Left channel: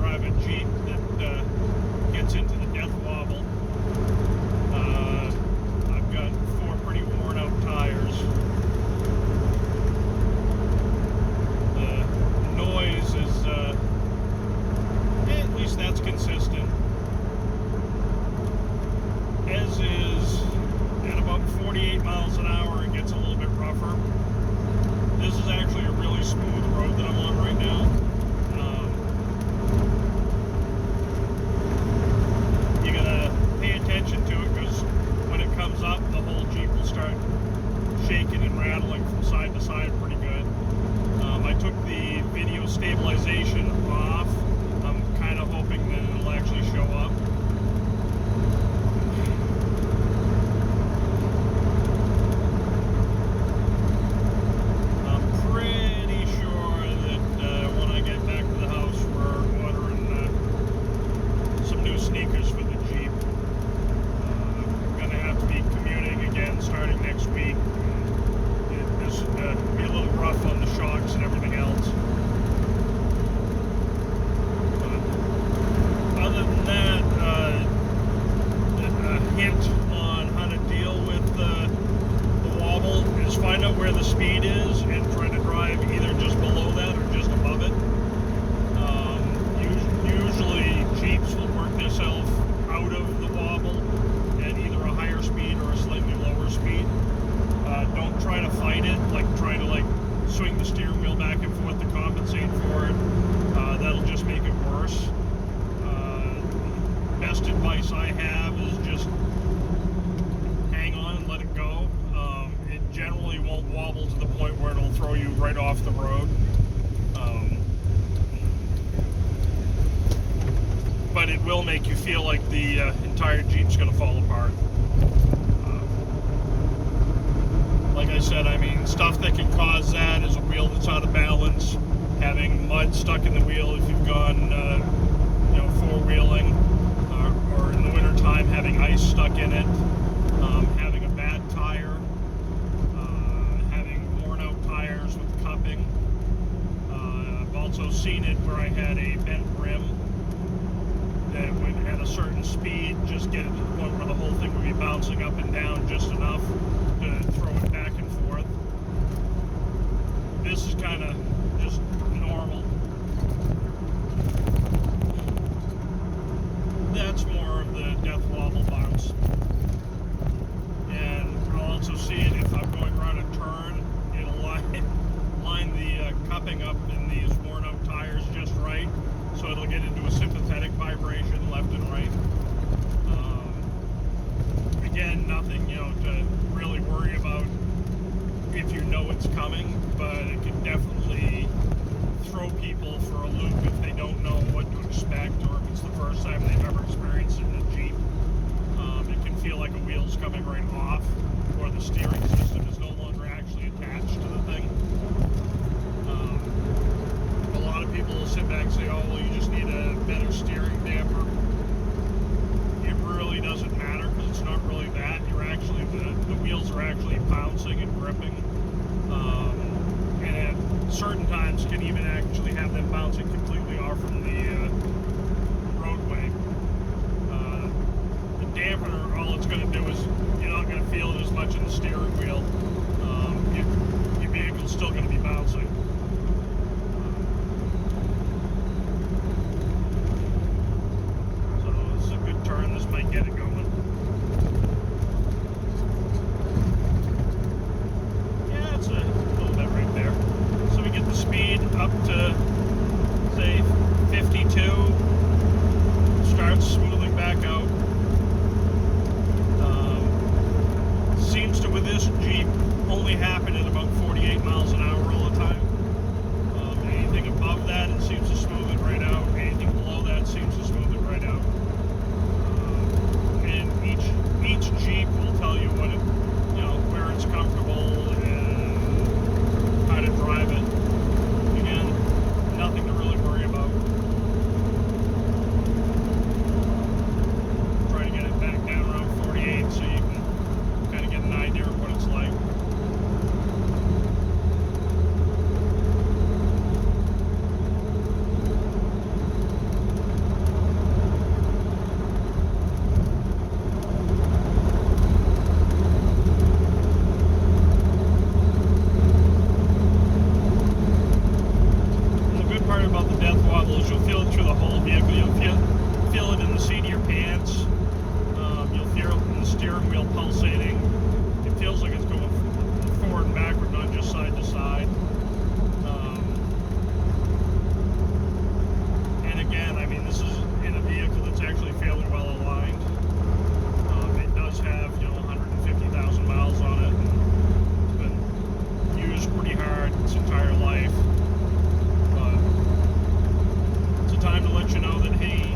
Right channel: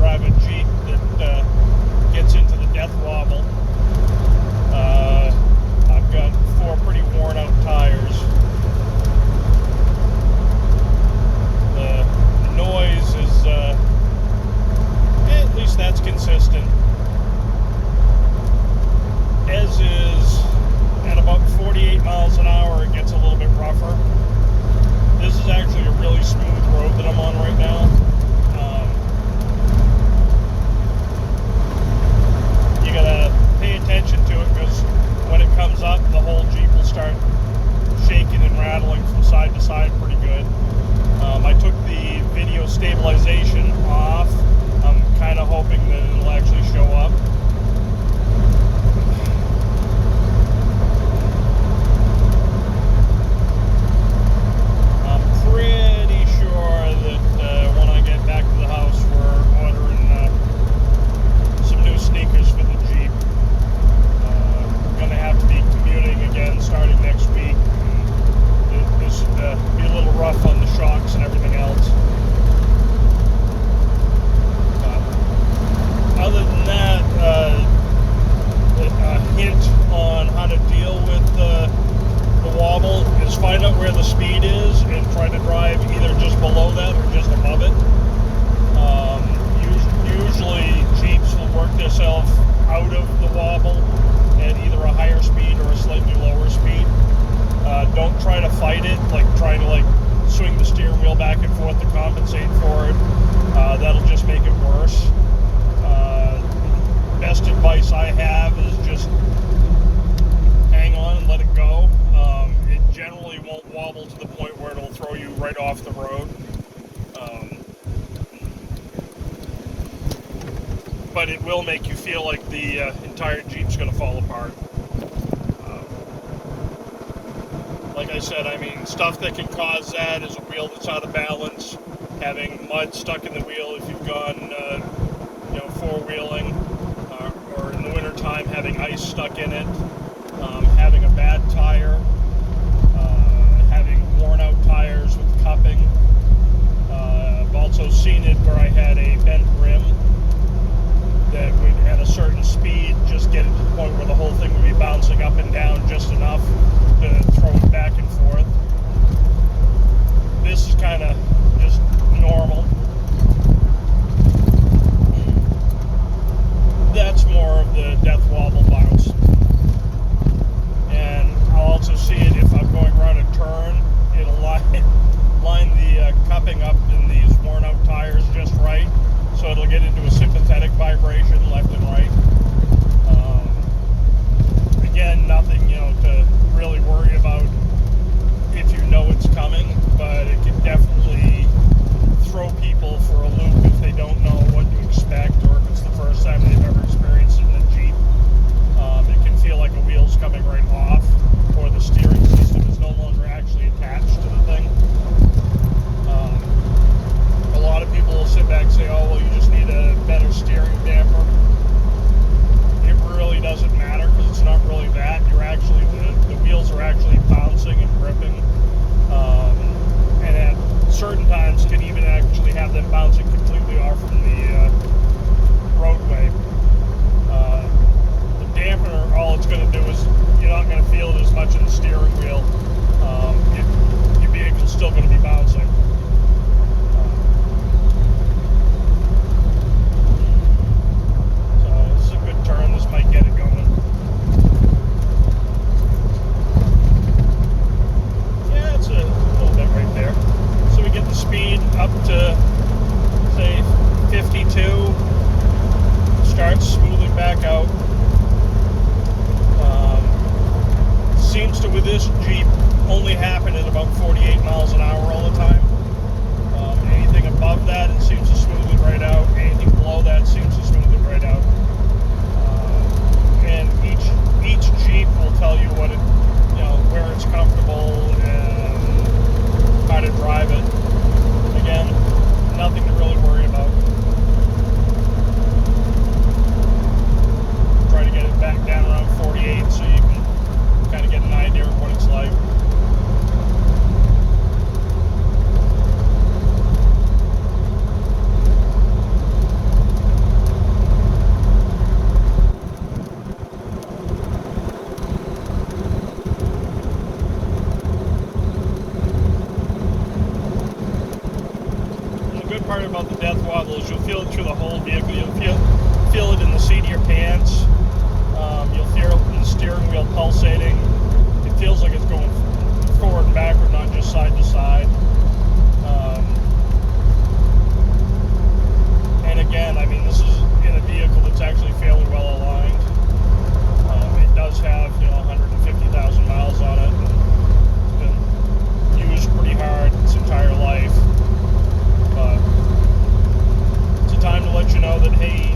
drive a Jeep that gets into the death wobble. I've got 4 pretty worn out tires. The noise is, at least that's consistent. As is, at about 48 miles an hour, it gets a little bit rougher. This is actually a really smooth road that I'm on right now. You gotta pay attention to it, because when it comes up, the whole Jeep will start shaking and rattling from side to side pretty good. I took the video stabilization off. I'm kind of hoping that it'll actually show up. Pretty sure that when I get back to the house, we're ordering some new sneakers for the Jeep. We're going to have to be commuting again starting next week. This will be a little rough on the shocks and everything else. But other than that, a hint on how to deal with the wobble is find out where the speed is and try to drive either just below that or just above it. Usually Jeeps will work themselves out of the wobble at either a higher speed or a slightly lower speed. Don't try to fight it, like trying to swing the steering wheel back and forth to compensate for it. That'll just make it worse. Best advice I have is just hang on and let it go. It generally won't wobble to the point where it'll throw you right off the road. But it will make you feel like the entire Jeep's going to fall apart. Like I said, I mean, stuff that can cause that is a wheel that's out of balance, having mud stuck in the wheel if you've gone, four-wheeling, or in the wintertime having ice stuck in it, having a bad tire, having worn-out tires with cupping. I've also seen it where I had a bent rim that would, at a certain speed, just get it to the point where the whole thing would be bouncing up and down just enough to throw it back and forth. This is kind of just normal. That's more of the death wobble bounce. And I'll also see it if I'm going around a turn. It'll line the cupping up in these worn out tires just right, so it'll get into a sympathetic vibration left and right. Again, nothing to really worry about if you know it's coming, but it can definitely throw people for a loop if they don't know what to expect, or if it's the first time they've ever experienced it in a Jeep. It can feel like a wheel's coming right off, or the steering system is no longer actually attached to the thing. A lot of people will sit back and say, oh, well, you just need a better steering damper. It really doesn't matter, because it's not really that. You're actually, the wheels are actually bouncing and gripping. And at certain times can even actually have them bouncing completely off from the roadway. The dampener, all it's going to do is you're not going to feel it as much in the steering wheel. Your vehicle's still going to be bouncing. So this is a good turn. This might get it going. Yeah, it's a little bit right there. So we get the speed up to, say, 52. Starts smoothing back out. Seems to, with this Jeep, only happen at about 48 miles an hour all the time. Anything above that, it seems to smooth it right out. Anything below that seems to smooth it right out. And each Jeep will tell you what it, where it's comfortable and how to drive it. Again, nothing to really worry about. Try to get it back down around 48 so you can kind of get an idea of what it's like. part about the death wobble is you'll feel it through the whole vehicle. You'll feel it in the seat of your pants. You'll feel it in the steering wheel pulsating. It feels like it's going forward and backward, not just side to side. And again, I mean, this is in a vehicle that's actually fairly well aligned. It does have, 150,000 miles on it. And it's been used pretty hard its entire life. But it's a time to let you know that, hey,